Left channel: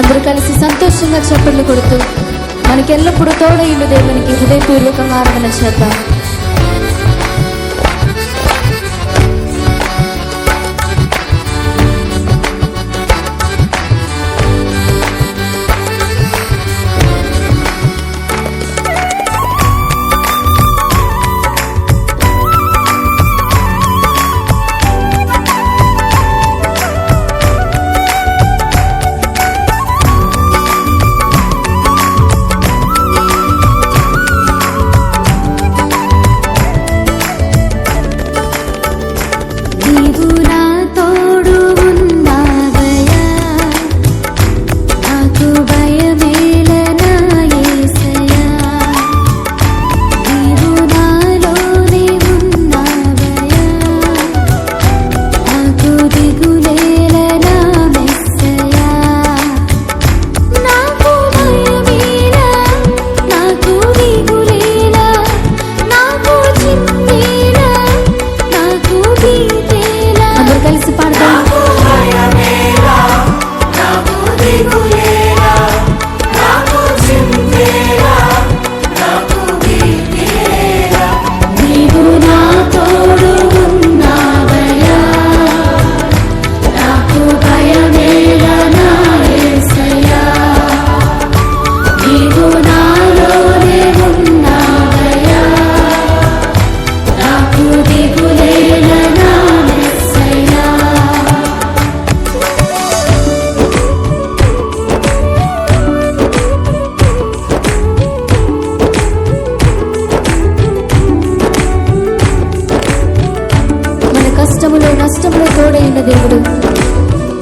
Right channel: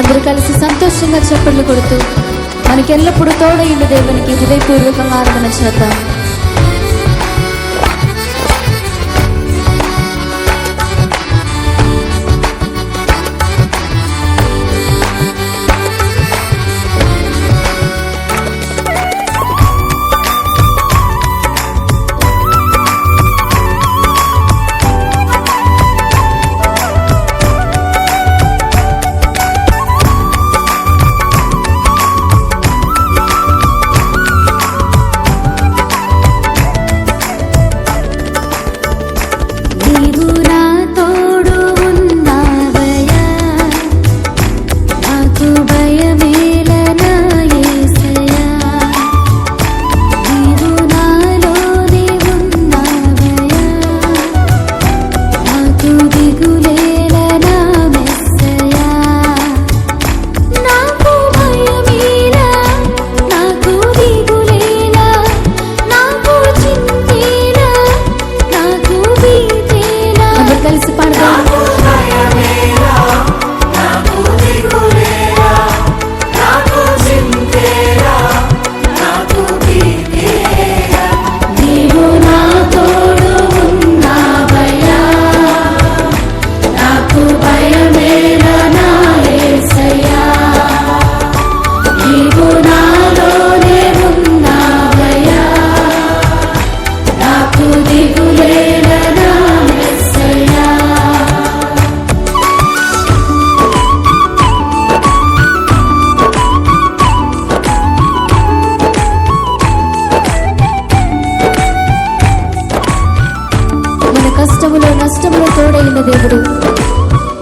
అందరూ కలిసి సంతోషంగా చప్పట్లు కొడుతూ మనకెల్లప్పుడూ తోడయుండు దేవునికి హృదయపూర్వకంగా ఆరాధన చేద్దాం. కలిసి పాడదాం. నీవు నా తోడు ఉన్నావయ్యా, నాకు భయమేలా నా యేసయ్యా. నీవు నాలోనే ఉన్నావయ్యా, నాకు దిగులేలా నా కష్టములో నష్టములో తోడైన దేవుడు,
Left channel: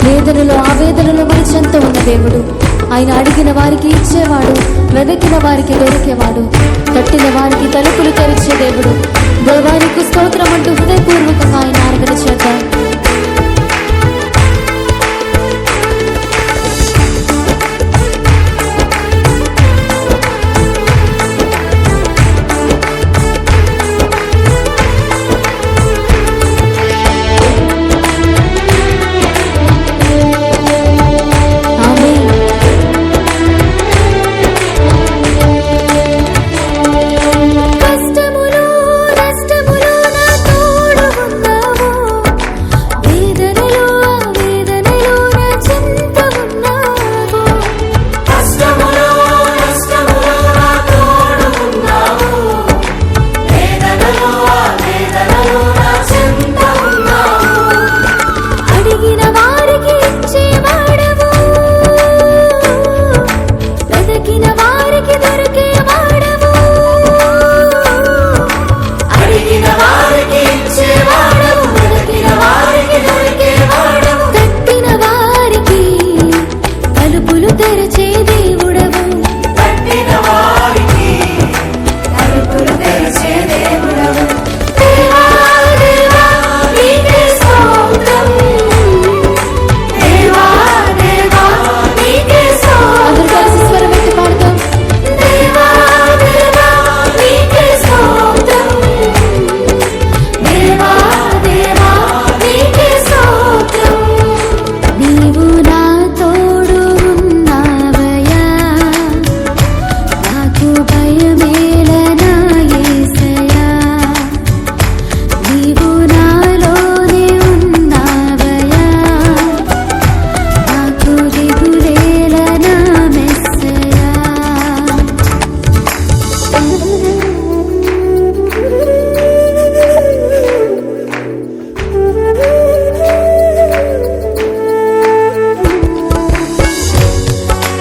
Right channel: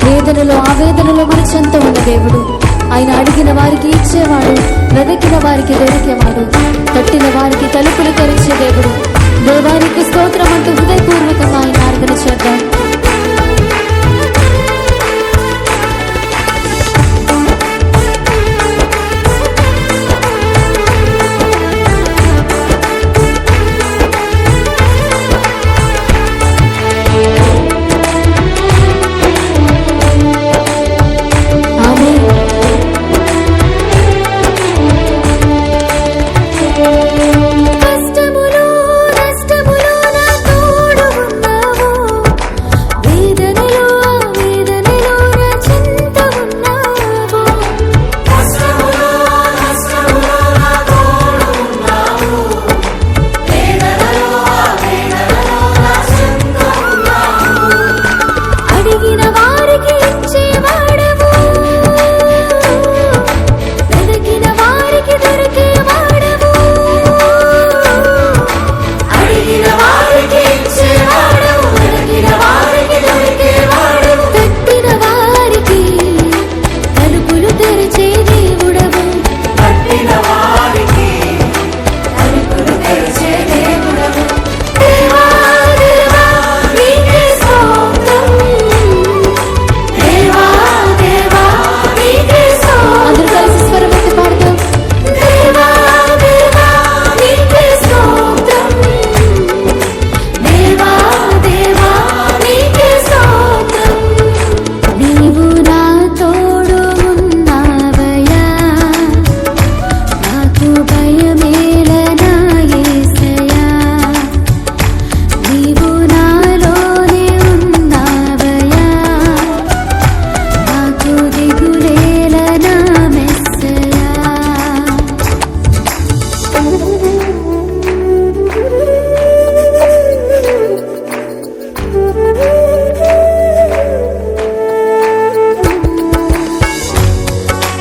వేదనలో ఆవేదనలో మన చెంత ఉన్న దేవుడు. ఆయన అడిగిన వారికి ఇచ్చేవాడు, వెదకిన వారికి దొరికేవాడు, తట్టిన వారికి తలుపులు తెరిచే దేవుడు. దేవానికి స్తోత్రం అంటూ హృదయపూర్వకంగా ఆయన ఆరాధన చేద్దాం.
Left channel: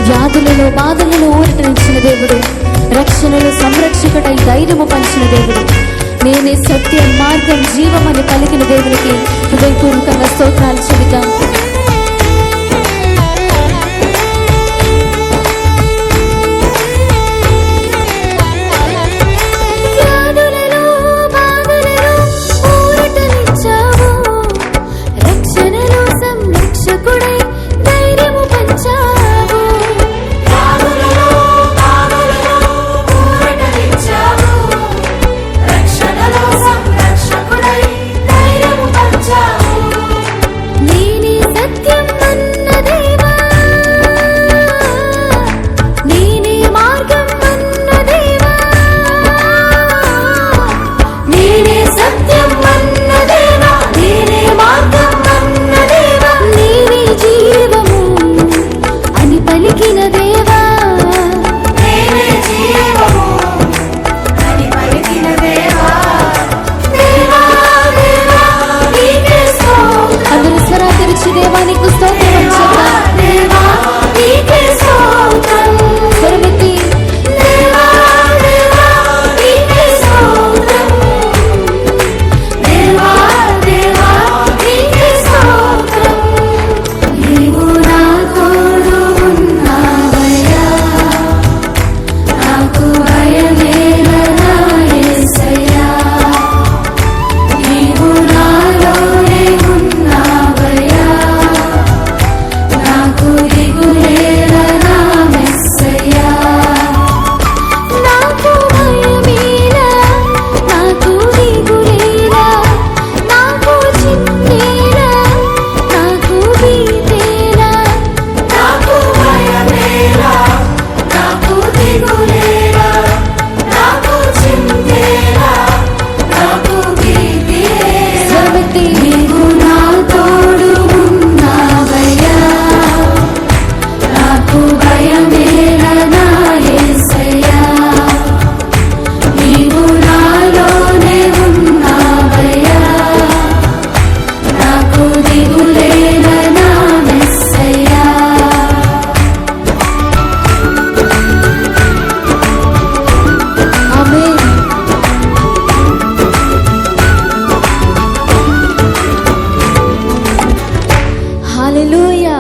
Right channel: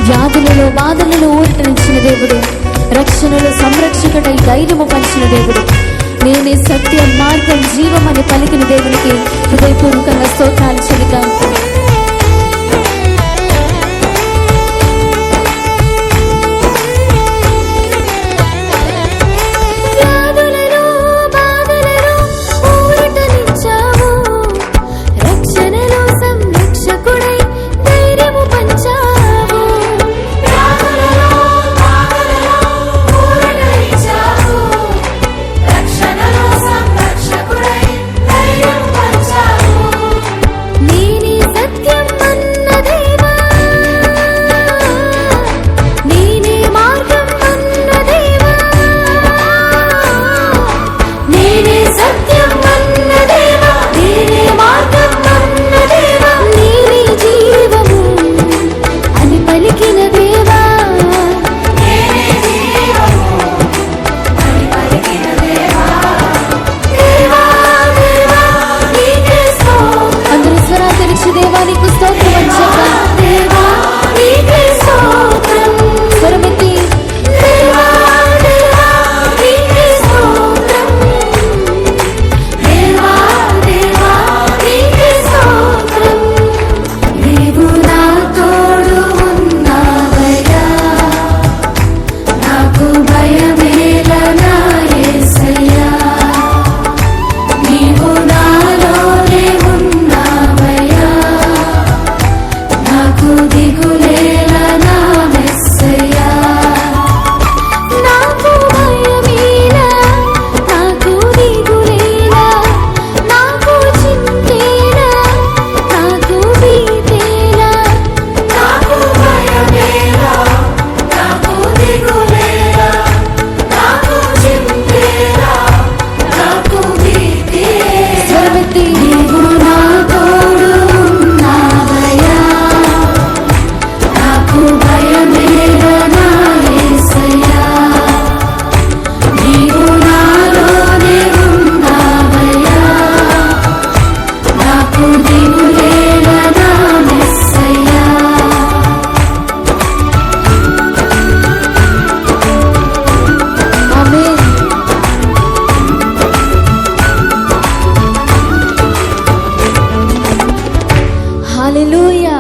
వ్యాధులలో బాధలలో ఊరటనిచ్చిన దేవుడు, రక్షణలో సంరక్షకుడై ధైర్యము పంచిన దేవుడు, నేనే సత్యం మార్గం జీవం అని పలికిన దేవునికి హృదయపూర్వకంగా స్తోత్రాలు చెబుతాం. నేనే హల్లెలూయా.